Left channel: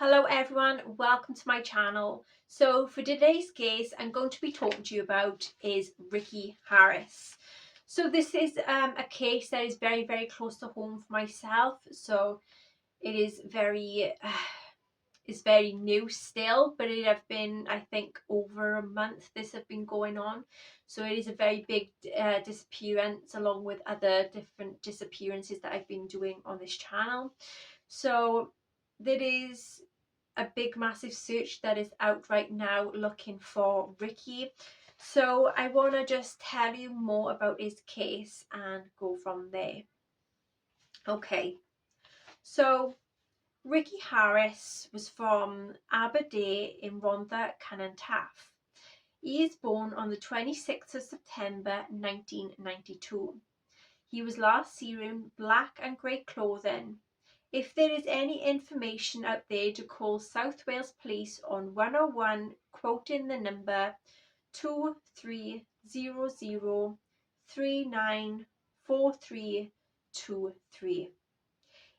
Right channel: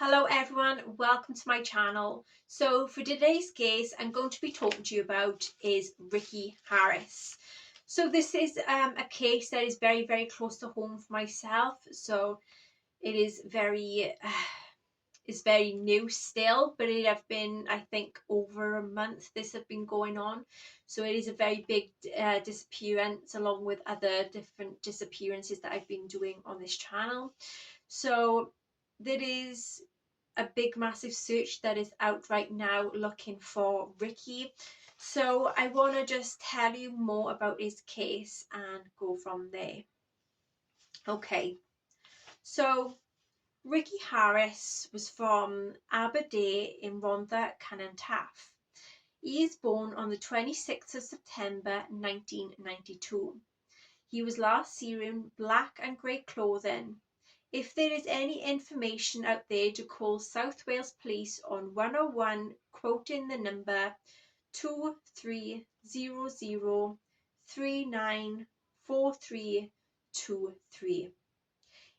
Hello everyone, welcome to my channel. So for today's case I'm going to be talking to you about is Ricky Harris. So this is a case that is very close to home for myself. So it is very new still, but it have been, I think, over a month this have been going on. So it is a very big disappearance, along with other different disappearances that I've been doing on this channel. So there is a big massive search that is out right now looking for Ricky. So I want to just tell you more about his case and go from there. Okay, so Ricky Harris was from Aberdeen in Rhondda Cynon Taf. He is born on the 26th of September 1992. He was last seen in black and grey clothing. If there is any information out there, to call South Wales Police on 101, quoting the number 2300394323.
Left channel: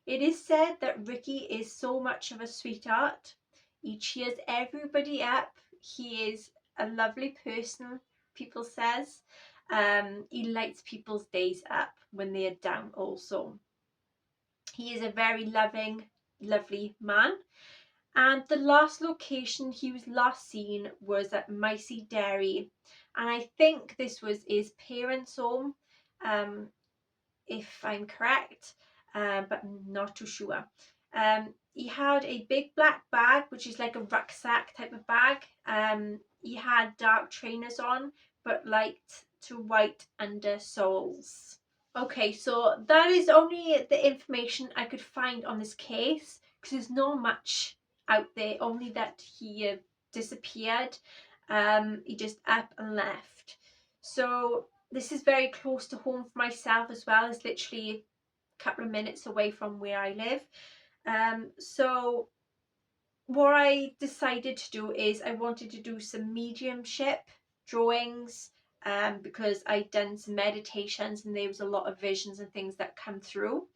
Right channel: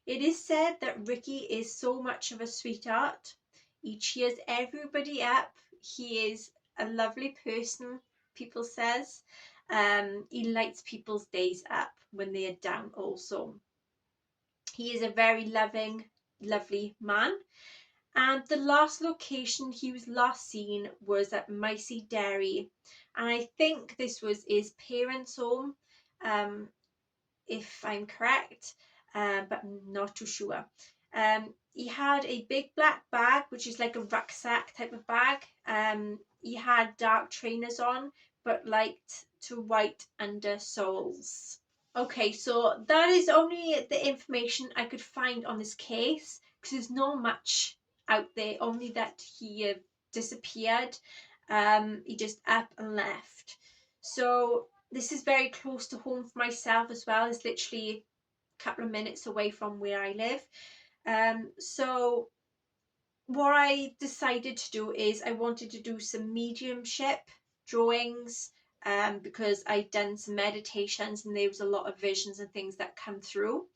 It is said that Ricky is so much of a sweetheart. He cheers everybody up. He is a lovely person, people says. He lights people's days up when they are down also. He is a very lovely man. And the last location he was last seen was at Micey Dairy. And I think this was his parents' home, if I'm correct, but I'm not too sure. He had a big black bag, which is like a rucksack type of bag. He had dark trainers on, but light to white undersoles. Okay, so that is only the information I could find on this case, because there's not much out there, only that he disappeared. He just up and left. So this is very close to home for myself as well. It's literally a couple of minutes away from where I live. So what I decided to do is I wanted to do some mediumship drawings, because I'd done some meditations and there was a lot of visions and things that come through.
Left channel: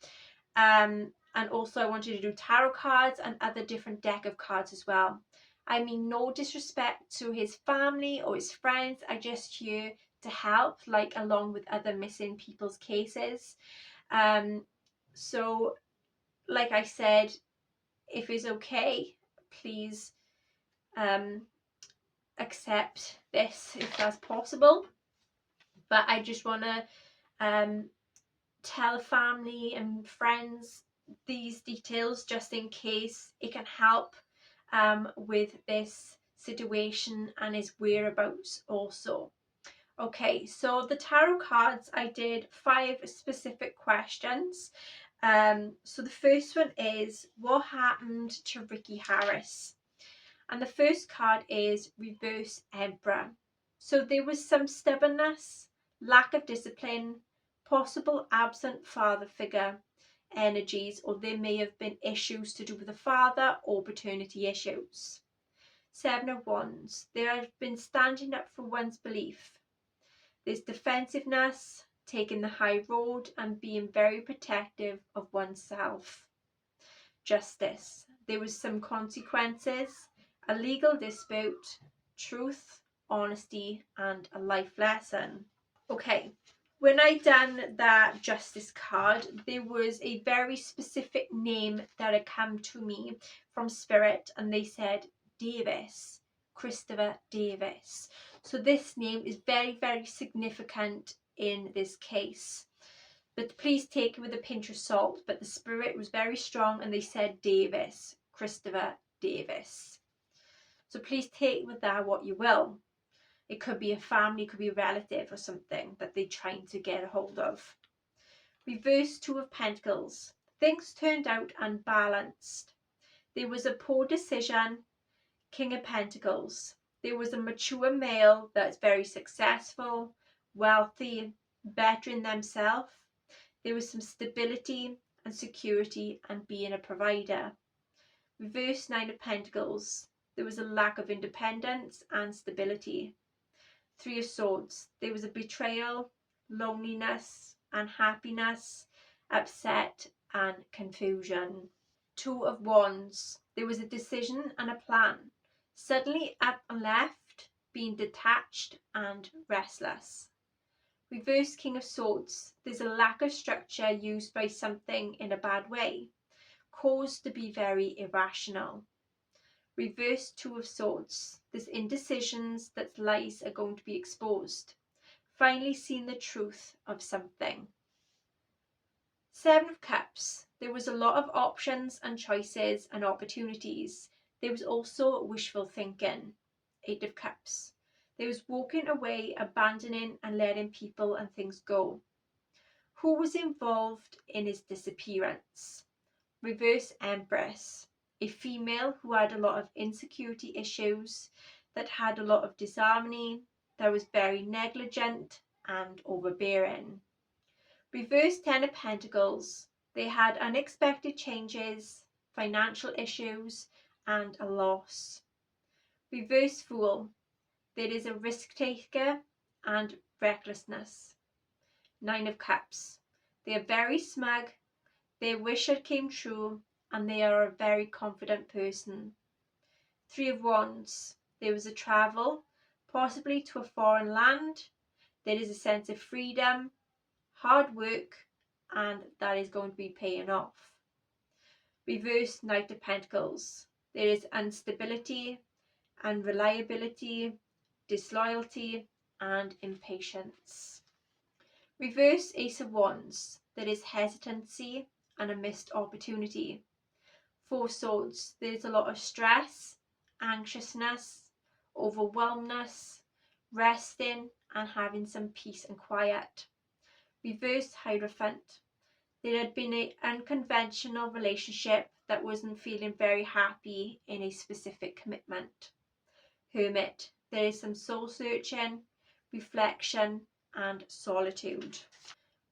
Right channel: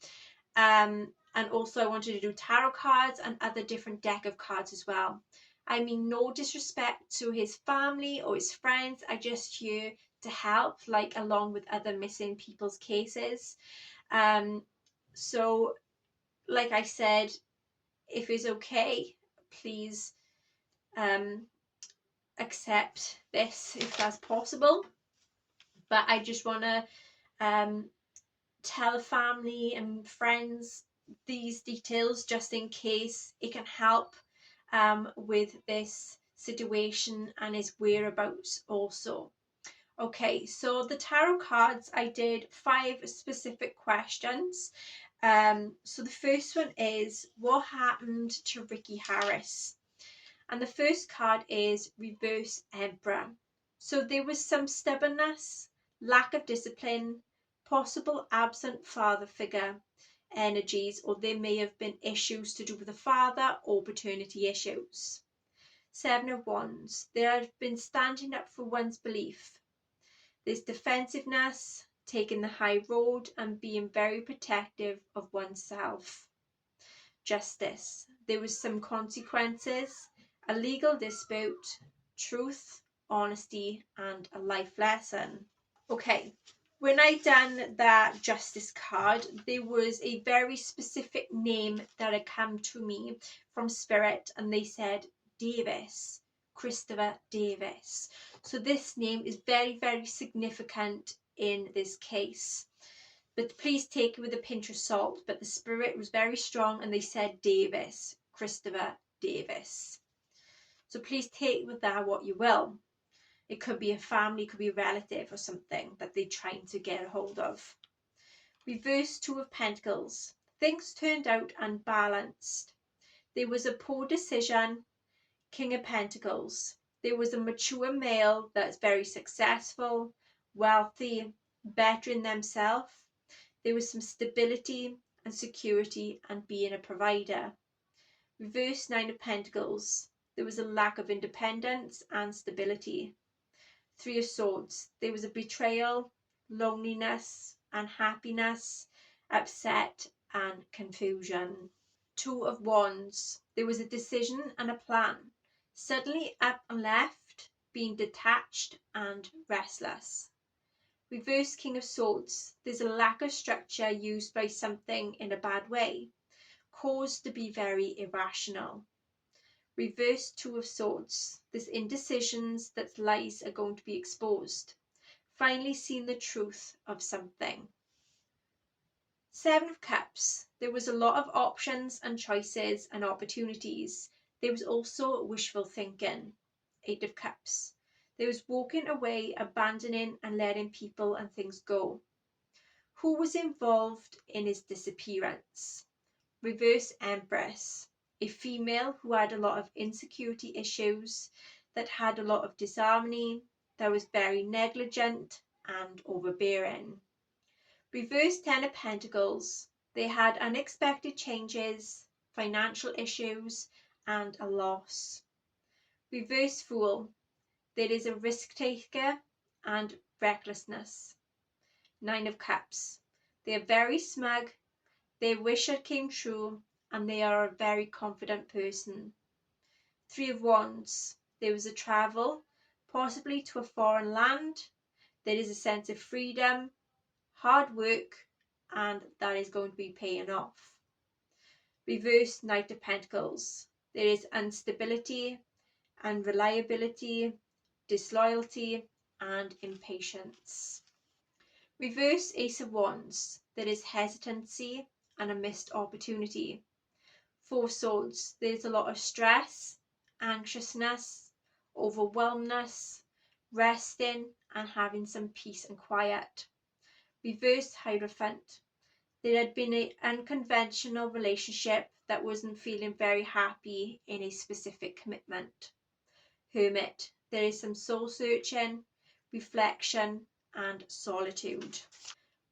And also I wanted to do tarot cards and other different deck of cards as well. I mean, no disrespect to his family or his friends. I just here to help, like along with other missing people's cases. So like I said, if it's okay, please accept this if that's possible. But I just want to tell family and friends these details just in case it can help with this situation and his whereabouts also. Okay, so the tarot cards, I did 5 specific questions. So the first one is, what happened to Ricky Harris? And the first card is Reverse Emperor. So there was some stubbornness, lack of discipline, possible absent father figure energies, or there may have been issues to do with the father or paternity issues. 7 of Wands. There have been standing up for one's belief. There's defensiveness, taking the high road and being very protective of oneself. Justice. There was some consequences, a legal dispute, truth, honesty, and a life lesson. Okay, when I done that justice card, there was a very specific name that had come to me from Spirit, and they said Davis, Christopher Davis. So this name is very significant in this case. But please take it with a pinch of salt. But the spirit was very strong and they said Davis, Christopher Davis. So please take with that what you will. It could be a family, it could be a relative or something that they're trying to get a hold of. Reverse 2 of Pentacles. Things turned out unbalanced. There was a poor decision. King of Pentacles. There was a mature male that's very successful, wealthy, bettering themselves. There was some stability and security and being a provider. Reverse 9 of Pentacles. There was a lack of independence and stability. 3 of Swords. There was a betrayal, loneliness, unhappiness, upset and confusion. 2 of Wands. There was a decision and a plan. Suddenly up and left, being detached and restless. Reverse King of Swords. There's a lack of structure used by something in a bad way, caused to be very irrational. Reverse Two of Swords. There's indecisions that lies are going to be exposed. Finally seen the truth of something. Seven of Cups. There was a lot of options and choices and opportunities. There was also wishful thinking. Eight of Cups. There was walking away, abandoning and letting people and things go. Who was involved in his disappearance? Reverse Empress. A female who had a lot of insecurity issues, that had a lot of disharmony, that was very negligent and overbearing. Reverse Ten of Pentacles. They had unexpected changes, financial issues, and a loss. Reverse Fool. There is a risk taker and recklessness. Nine of Cups. They are very smug, their wish had came true, and they are a very confident person. Three of Wands. There was a travel, possibly to a foreign land. There is a sense of freedom, hard work, and that is going to be paying off. Reverse Knight of Pentacles. There is instability, unreliability, disloyalty, and impatience. Reverse Ace of Wands. There is hesitancy and a missed opportunity. Four of Swords. There's a lot of stress, anxiousness, overwhelmness, resting and having some peace and quiet. Reverse Hierophant. There had been an unconventional relationship that wasn't feeling very happy in a specific commitment. Hermit. There is some soul searching, reflection and solitude.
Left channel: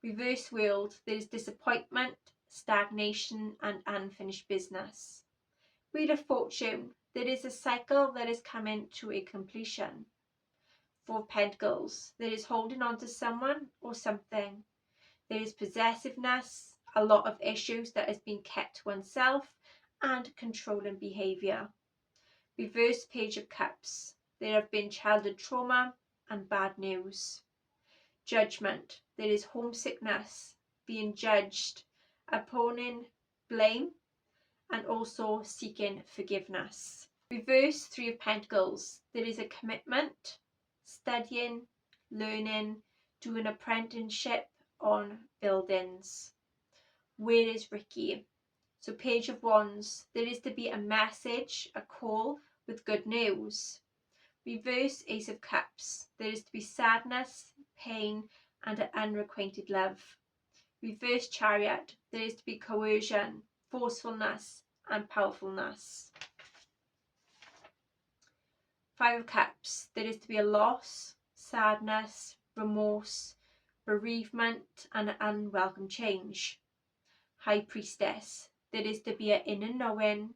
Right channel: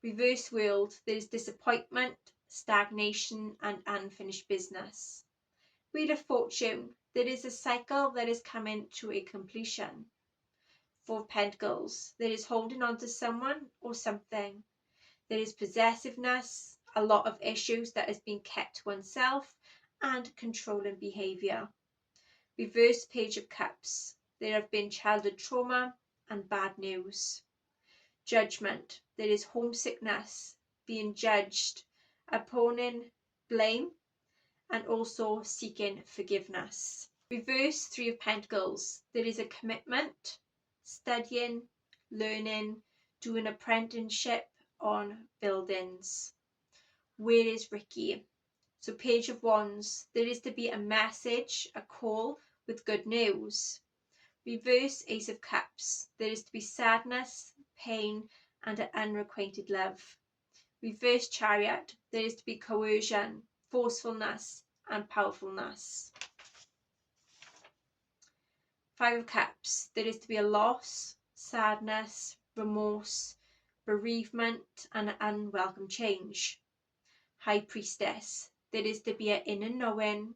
Reverse World. There is disappointment, stagnation and unfinished business. Wheel of Fortune. There is a cycle that is coming to a completion. Four of Pentacles. There is holding on to someone or something. There is possessiveness, a lot of issues that has been kept to oneself, and controlling behaviour. Reverse Page of Cups. There have been childhood trauma and bad news. Judgment. There is homesickness, being judged, opposing blame, and also seeking forgiveness. Reverse Three of Pentacles. There is a commitment, studying, learning, doing apprenticeship on buildings. Where is Ricky? So Page of Wands. There is to be a message, a call with good news. Reverse Ace of Cups. There is to be sadness, pain, and an unrequited love. Reverse Chariot. There is to be coercion, forcefulness, and powerfulness. Five of Cups. There is to be a loss, sadness, remorse, bereavement, and an unwelcome change. High Priestess. There is to be an inner knowing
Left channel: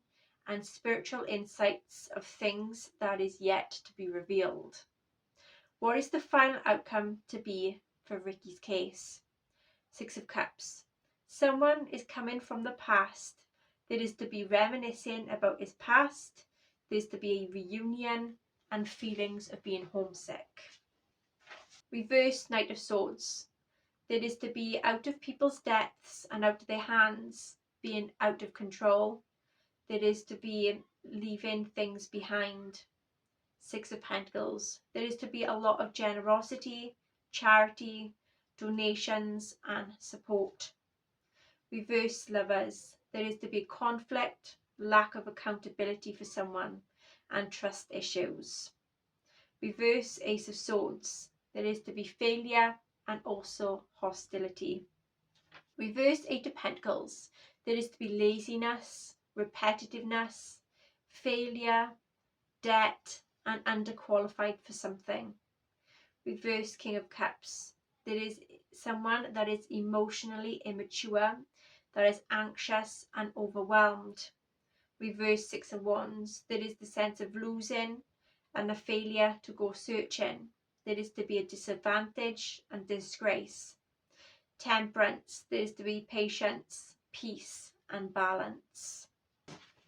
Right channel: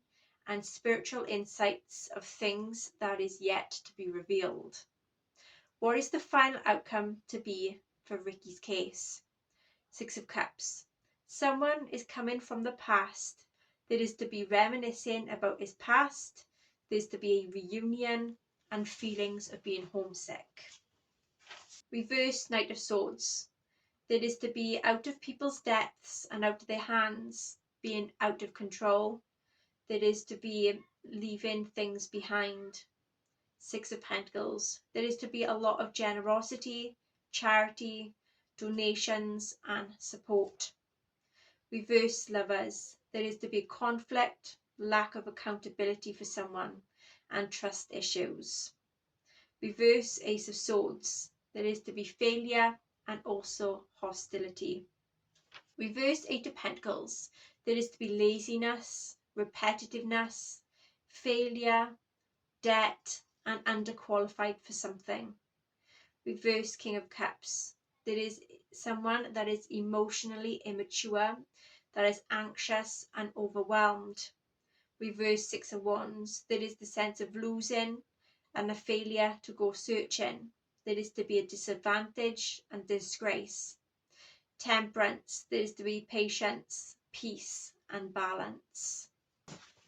and spiritual insights of things that is yet to be revealed. What is the final outcome to be for Ricky's case? Six of Cups. Someone is coming from the past. There is to be reminiscing about his past. There's to be a reunion and feelings of being homesick. Reverse Knight of Swords. There is to be out of people's depths and out of their hands, being out of control. There is to be leaving things behind. Six of Pentacles. There is to be a lot of generosity, charity, donations and support. Reverse Lovers. There is to be conflict, lack of accountability for someone and trust issues. Reverse Ace of Swords. There is to be failure and also hostility. Reverse Eight of Pentacles. There is to be laziness, repetitiveness, failure, debt, and underqualified for something. Reverse King of Cups. There is someone that is emotionally immature, that is anxious and overwhelmed. Reverse Six of Wands. There is the sense of losing and a failure to go searching. There is to be a disadvantage and disgrace. Temperance. There is to be patience, peace and balance.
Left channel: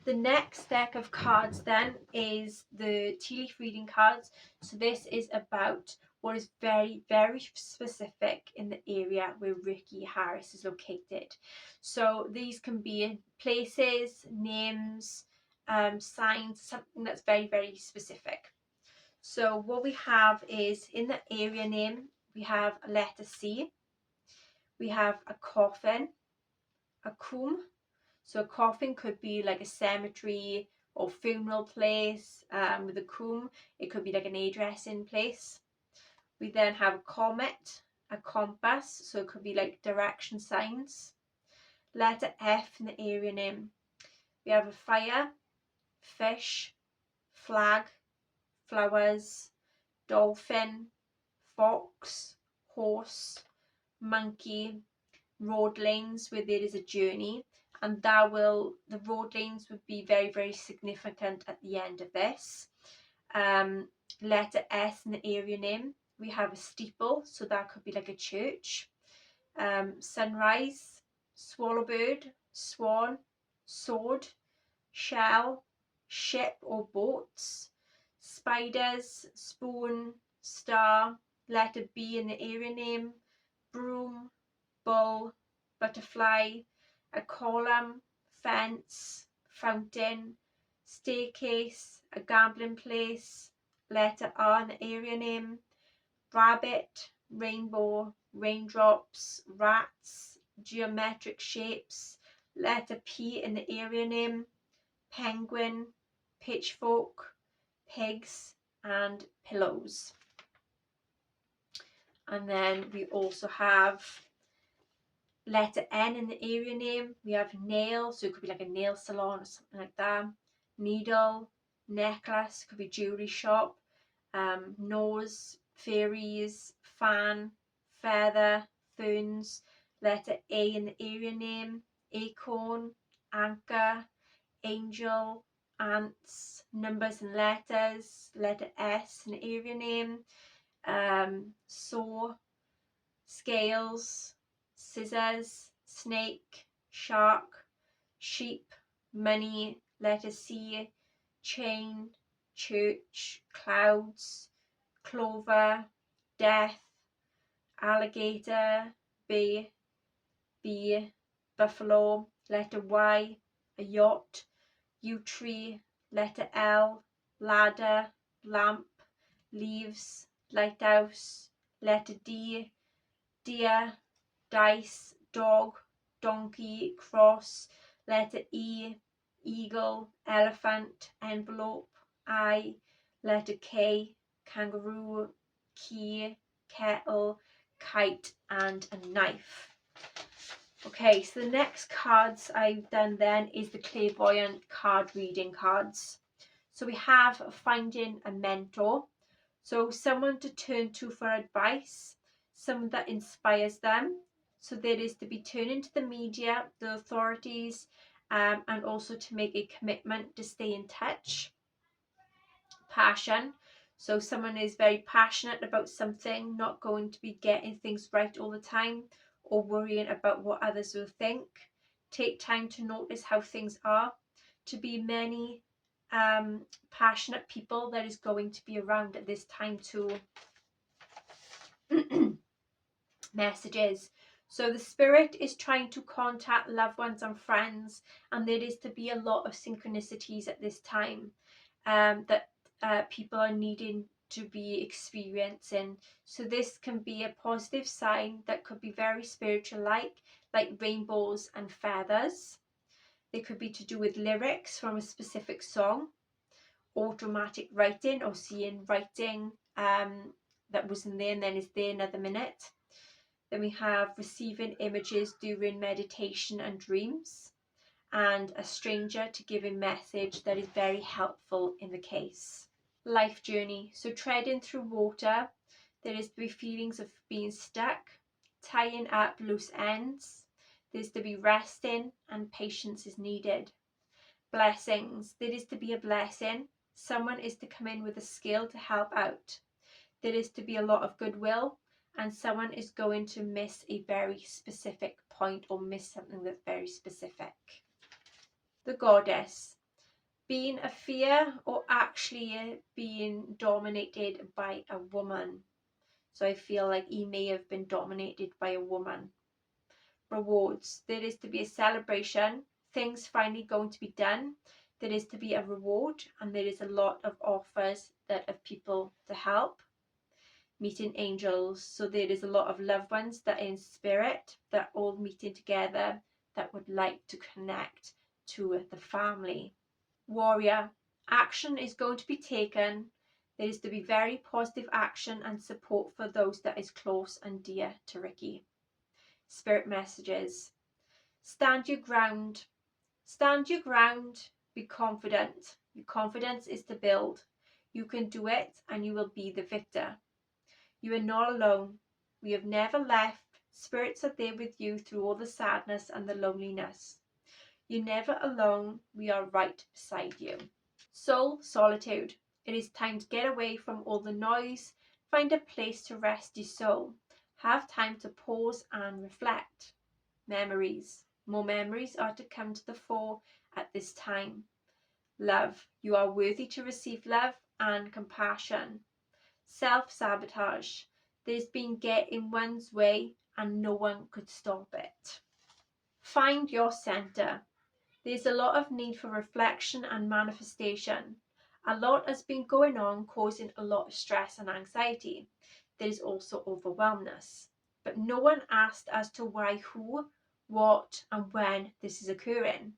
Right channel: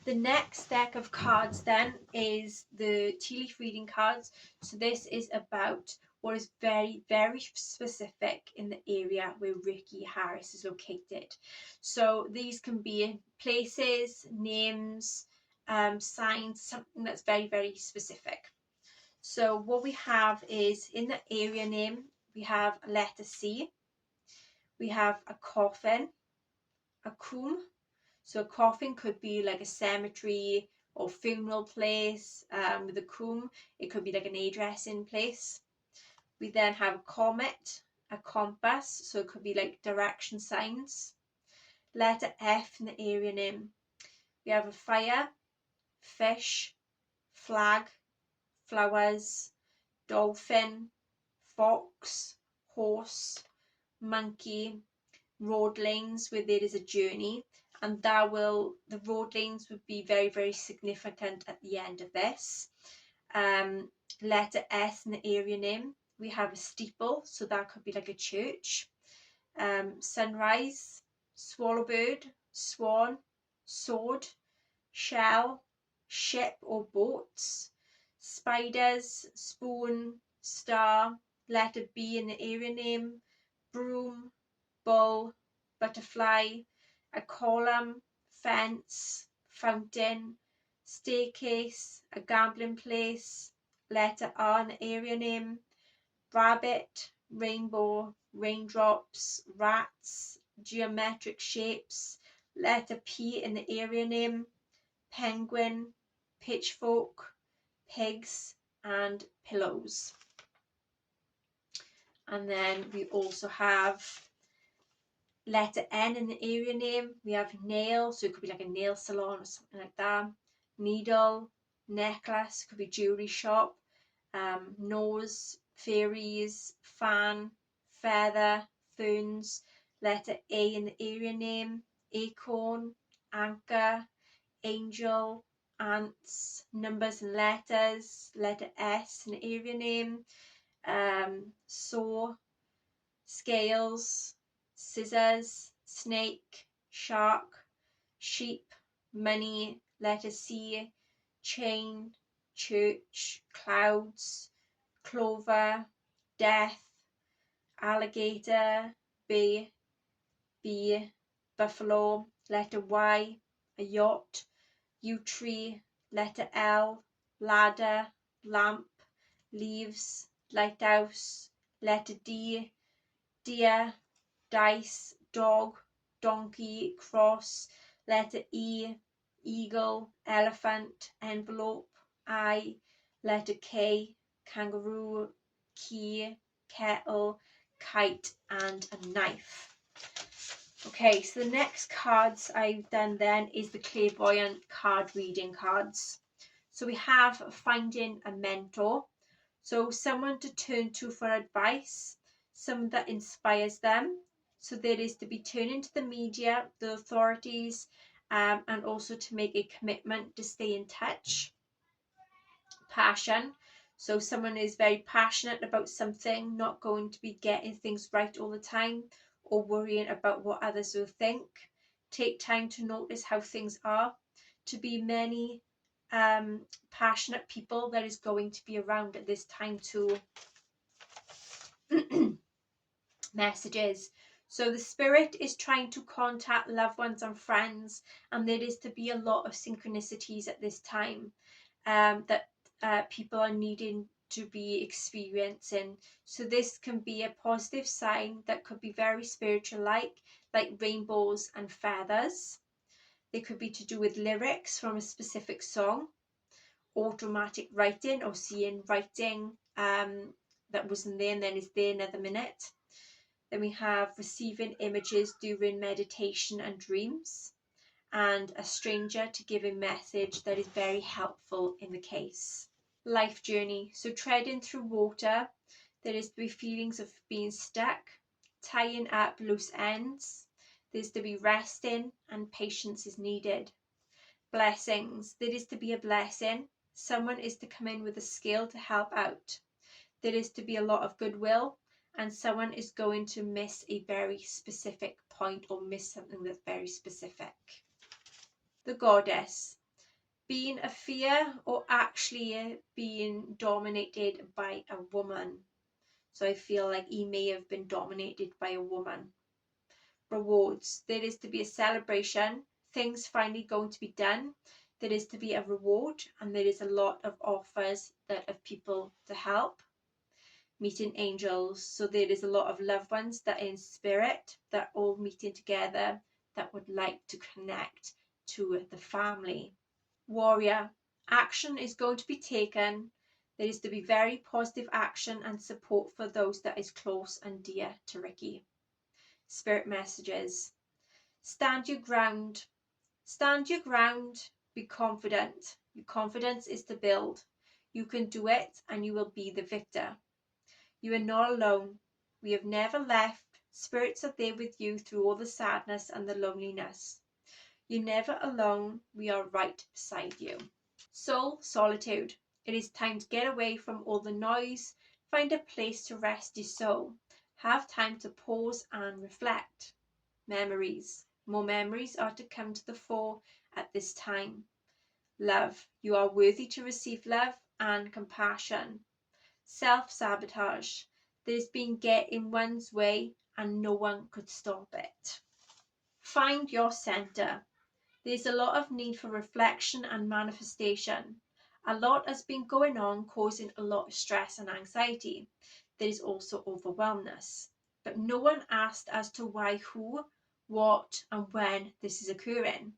The next deck of cards then is the tea leaf reading cards. So this is about what is very, very specific in the area where Ricky Harris is located. So these can be places, names, signs, something that's very, very specific. So what we have is, in the area name, we have a letter C, we have a coffin, a comb. So a coffin could be like a cemetery or funeral place. With a comb, it could be like an hairdressing place. We then have a comet, a compass, so it could be like direction signs. Letter F in the area name. We have a fire, fish, flag, flowers, dolphin, fox, horse, monkey, road lanes where there is a journey, and the road lanes would be very, very significant at the end of this. Letter S in the area name, we have a steeple, so that could be like a church. Sunrise, swallowbird, swan, sword, shell, ship or boats, spiders, spoon, star. Letter B in the area name, broom, bull, butterfly, a column, fence, fountain, staircase, a gambling place. Letter R in the area name, rabbit, rainbow, raindrops, rats, geometric shapes. Letter P in the area name, penguin, pitchfork, pigs, and pillows. And then we also have letter N in the area name. We have nail, so it could be like a nail salon or something like that. Needle, necklace, could be jewelry shop. Nose, fairies, fan, feather, ferns. Letter A in the area name, acorn, anchor, angel, ants, numbers and letters. Letter S in the area name, saw, scales, scissors, snake, shark, sheep, money. Letter C, chain, church, clouds, clover, death, alligator, bee, buffalo. Letter Y, a yacht, yew tree. Letter L, ladder, lamp, leaves, lighthouse. Letter D, deer, dice, dog, donkey, cross. Letter E, eagle, elephant, envelope, eye. Letter K, kangaroo, key, kettle, kite, and a knife. Okay, so the next cards I've done then is the Clairvoyant card reading cards. So we have finding a mentor, so someone to turn to for advice, someone that inspires them. So there is to be turning to the media, the authorities, and also to make a commitment to stay in touch. Passion, so someone is very passionate about something, not going to be getting things right all the time or worrying about what others will think. Take time to notice how things are. To be many passionate people that is going to be around at this time too. Messages. So the spirit is trying to contact loved ones and friends, and there is to be a lot of synchronicities at this time that people are needing to be experiencing. So this can be a positive sign that could be very spiritual, like rainbows and feathers. They could be to do with lyrics from a specific song, automatic writing, or seeing writing that wasn't there and then is there another minute. Then we have receiving images during meditation and dreams, and a stranger to give a message that is very helpful in the case. Life journey. So treading through water, there is to be feelings of being stuck, tying up loose ends. There's to be resting, and patience is needed. Blessings. There is to be a blessing. Someone is to come in with a skill to help out. There is to be a lot of goodwill, and someone is going to miss a very specific point or miss something that's very specific. The goddess. being a fear or actually being dominated by a woman. So I feel like he may have been dominated by a woman. Rewards. There is to be a celebration. Things finally going to be done. There is to be a reward, and there is a lot of offers that of people to help. Meeting angels. So there is a lot of loved ones that are in spirit that all meeting together that would like to connect to the family. Warrior. Action is going to be taken. There is to be very positive action and support for those that is close and dear to Ricky. Spirit messages. Stand your ground. Stand your ground. Be confident. Your confidence is to build. You can do it and you will be the victor. You are not alone. We have never left. Spirits are there with you through all the sadness and the loneliness. You're never alone. We are right beside you. Soul solitude. It is time to get away from all the noise. Find a place to rest your soul. Have time to pause and reflect. Memories. More memories are to come to the fore at this time. Love. You are worthy to receive love and compassion. Self-sabotage. There's been get in one's way and no one could stop it. Find your center. There's a lot of need for reflection and manifestation. A lot has been going on, causing a lot of stress and anxiety. There is also overwhelmness. But no one asked as to why, who, what, and when this is occurring.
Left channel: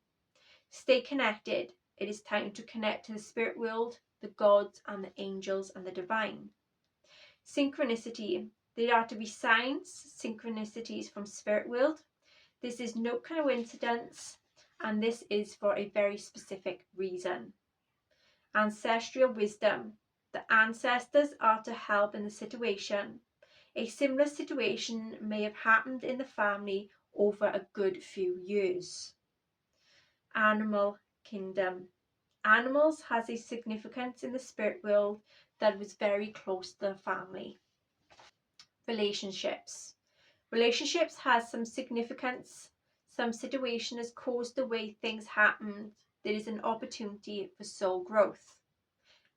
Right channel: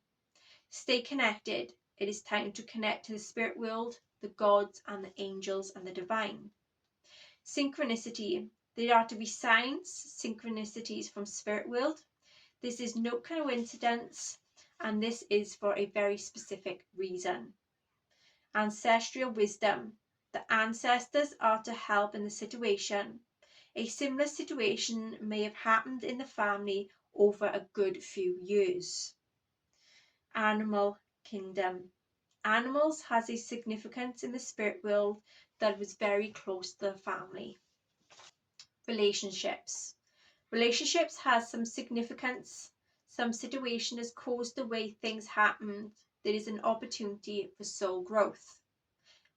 Stay connected. It is time to connect to the spirit world, the gods, and the angels, and the divine. Synchronicity. There are to be signs, synchronicities from spirit world. This is no coincidence, and this is for a very specific reason. Ancestral wisdom. The ancestors are to help in the situation. A similar situation may have happened in the family over a good few years. Animal kingdom. Animals has a significance in the spirit world that was very close to the family. Relationships. Relationships has some significance. Some situation has caused the way things happen. There is an opportunity for soul growth.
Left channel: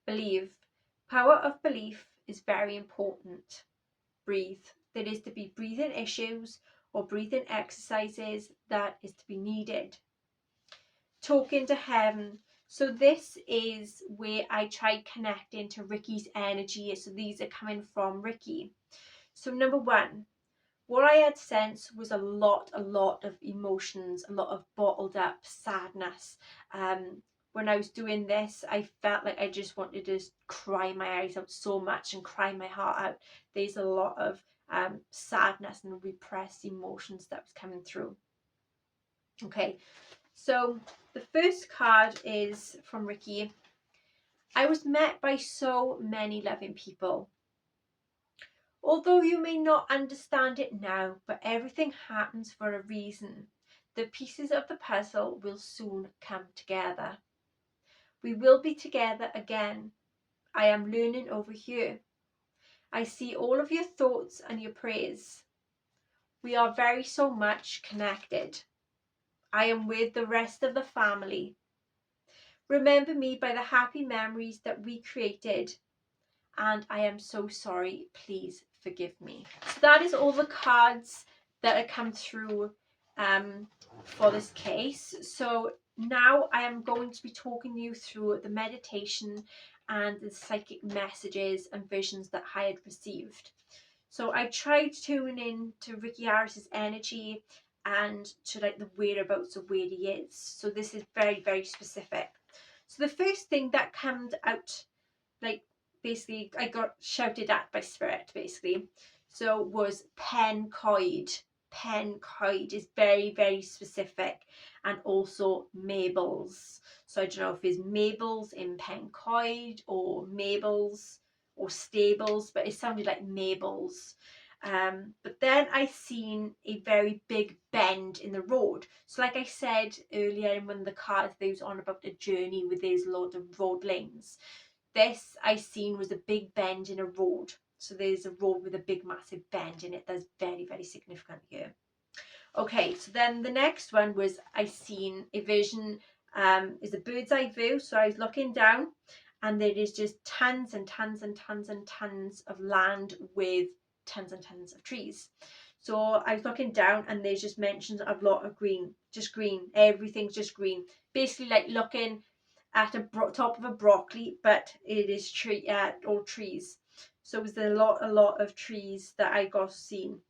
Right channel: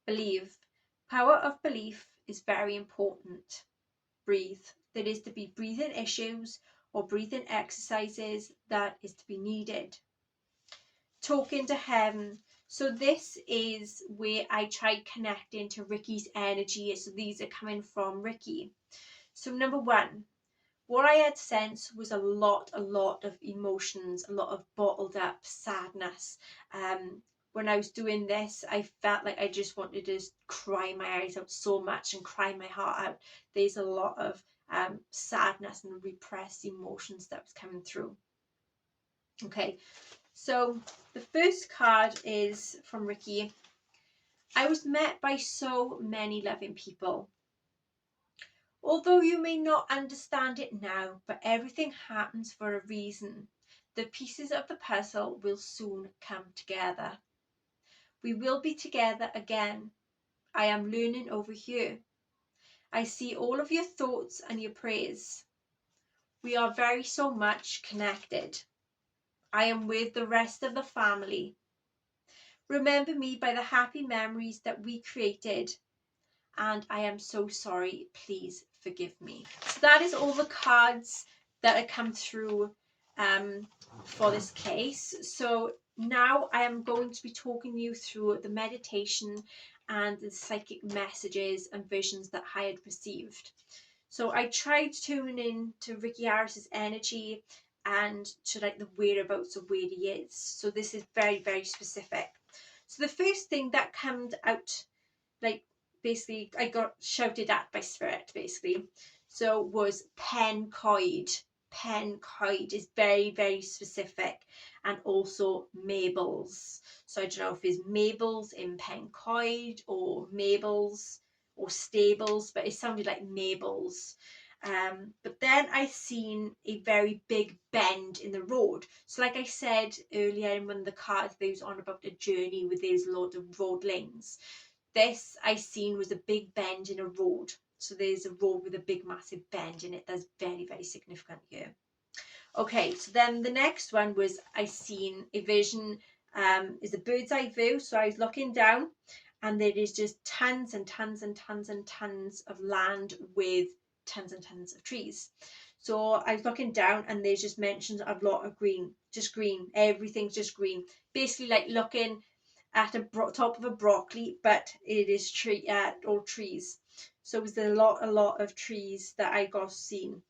Believe. Power of belief is very important. Breathe. There is to be breathing issues or breathing exercises that is to be needed. Talking to heaven. So this is where I tried connecting to Ricky's energy. So these are coming from Ricky. So number one, what I had sensed was a lot of emotions, a lot of bottled up sadness. When I was doing this, I felt like I just wanted to just cry my eyes out so much and cry my heart out. There's a lot of sadness and repressed emotions that was coming through. Okay, so the first card is from Ricky. I was met by so many loving people. Although you may not understand it now, but everything happens for a reason. The pieces of the puzzle will soon come together. We will be together again. I am learning over here. I see all of your thoughts and your prayers. We are very so much connected. I am with the rest of the family. Remember me by the happy memories that we created. And I am so sorry. Please forgive me. So that is all the cards that have come through for this case. So now I am going to be talking you through the meditation and the psychic messages and visions that I had received. So I tried tuning in to Ricky Harris's energy and to like the whereabouts of where he is. So this is very, very specific. So the first thing that comes out, like basically I got shouted at by spirit basically, so was Pencoid. Pencoid is very, very specific, and also Mabel's. So I don't know if it's Mabel's in Pencoid or Mabel's or Stables, but it sounded like Mabel's. But then I seen a very big bend in the road. So like I said earlier in one of the cards, they was on about a journey with those loads of road lanes. This I seen was a big bend in a road. So there's a road with a big massive bend in it. That's very, very significant here. Okay, so then the next one was I seen a vision is a bird's eye view. So I was looking down, and there is just tons and tons and tons and tons of land with tons and tons of trees. So I was looking down, and there's just mentions of a lot of green, just green. Everything's just green. Basically, like looking at a top of a broccoli, but it is all trees. So it was a lot of trees that I got seen.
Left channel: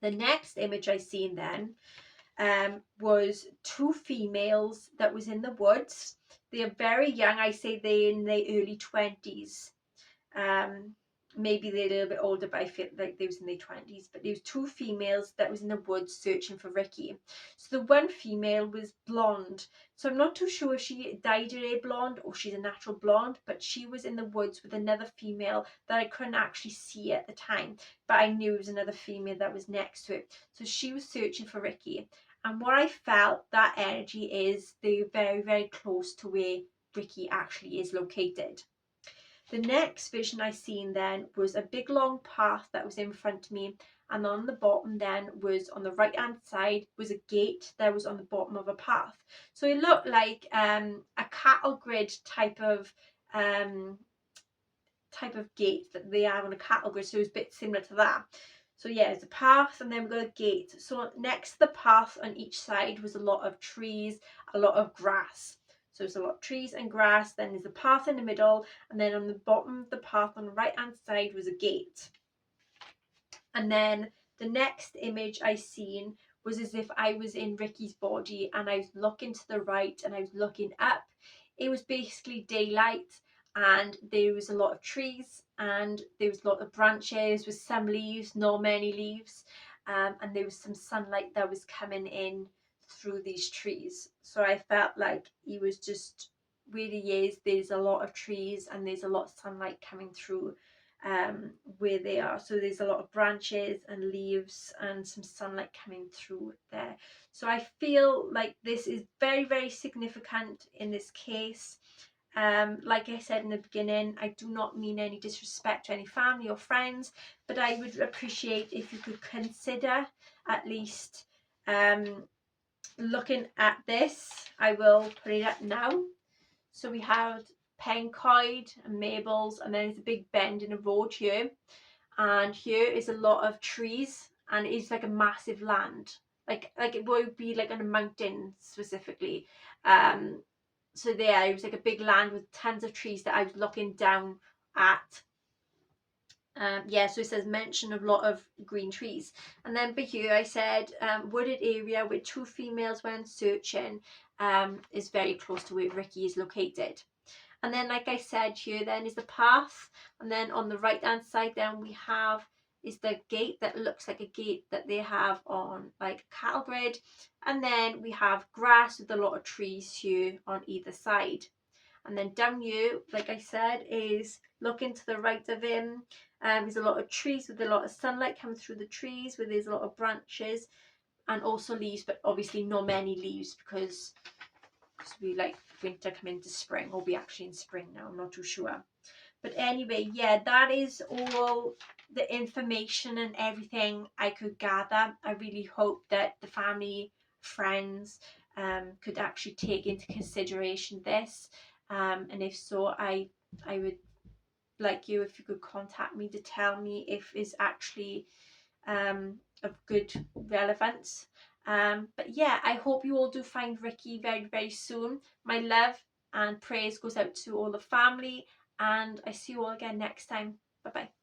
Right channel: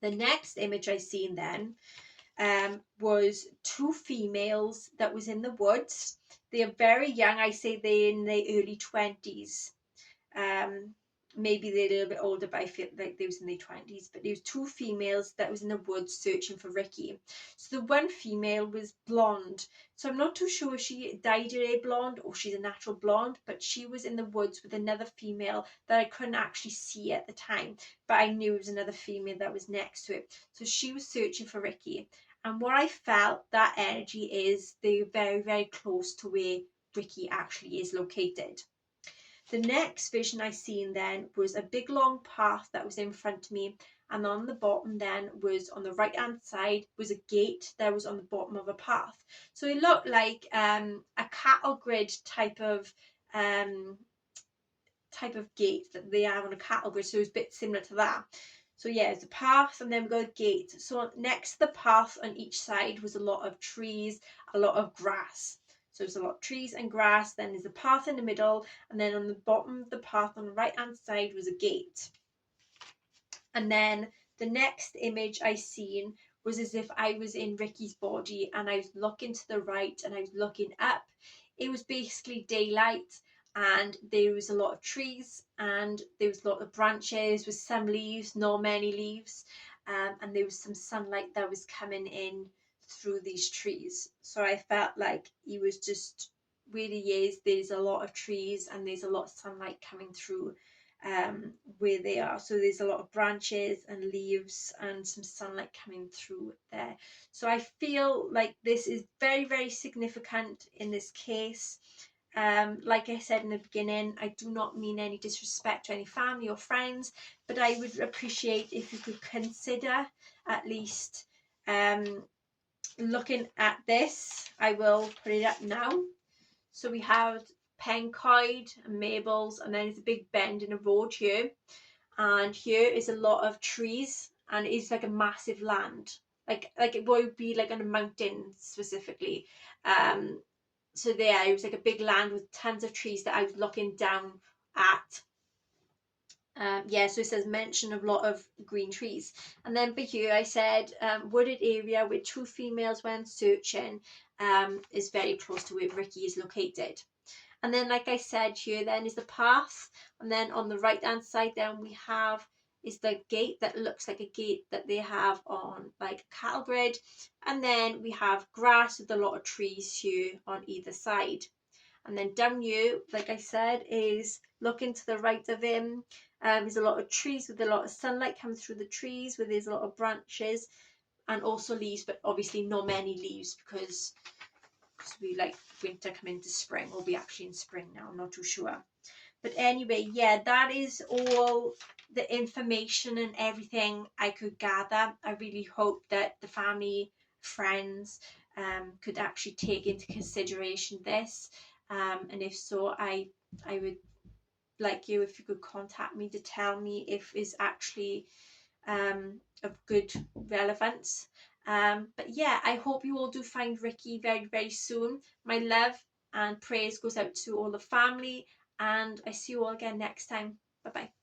The next image I seen then was two females that was in the woods. They are very young. I say they're in their early 20s. Maybe they're a little bit older, but I feel like they was in their 20s. But there was two females that was in the woods searching for Ricky. So the one female was blonde. So I'm not too sure if she dyed her hair blonde or she's a natural blonde, but she was in the woods with another female that I couldn't actually see at the time, but I knew it was another female that was next to it. So she was searching for Ricky. And what I felt, that energy is they're very, very close to where Ricky actually is located. The next vision I seen then was a big long path that was in front of me, and on the bottom then was, on the right hand side, was a gate that was on the bottom of a path. So it looked like a cattle grid type of gate that they have on a cattle grid, so it was a bit similar to that. So yeah, it's a path, and then we've got a gate. So next to the path on each side was a lot of trees, a lot of grass. So there's a lot of trees and grass, then there's a path in the middle, and then on the bottom of the path on the right hand side was a gate. And then the next image I seen was as if I was in Ricky's body, and I was looking to the right and I was looking up. It was basically daylight, and there was a lot of trees, and there was a lot of branches with some leaves, not many leaves, and there was some sunlight that was coming in through these trees. So I felt like he was just, where he is, there's a lot of trees and there's a lot of sunlight coming through where they are. So there's a lot of branches and leaves and some sunlight coming through there. So I feel like this is very, very significant in this case. Like I said in the beginning, I do not mean any disrespect to any family or friends, but I would appreciate if you could consider at least looking at this. I will put it up now. So we have Pencoid and Mabel's, and then there's a big bend in the road here, and here is a lot of trees, and it's like a massive land, like it would be like on a mountain specifically. So there, it was like a big land with tons of trees that I was looking down at. Yeah, so it says mention of a lot of green trees. And then here I said wooded area with two females when searching is very close to where Ricky is located. And then, like I said, here then is the path, and then on the right hand side then we have is the gate that looks like a gate that they have on like a cattle grid, and then we have grass with a lot of trees here on either side. And then down here, like I said, is looking to the right of him. There's a lot of trees with a lot of sunlight coming through the trees, where there's a lot of branches and also leaves, but obviously not many leaves because we like winter coming into spring, or we actually in spring now, I'm not too sure. But anyway, yeah, that is all the information and everything I could gather. I really hope that the family, friends could actually take into consideration this, and if so, I would like you if you could contact me to tell me if it's actually of good relevance. But yeah, I hope you all do find Ricky very, very soon. My love and praise goes out to all the family, and I see you all again next time. Bye bye.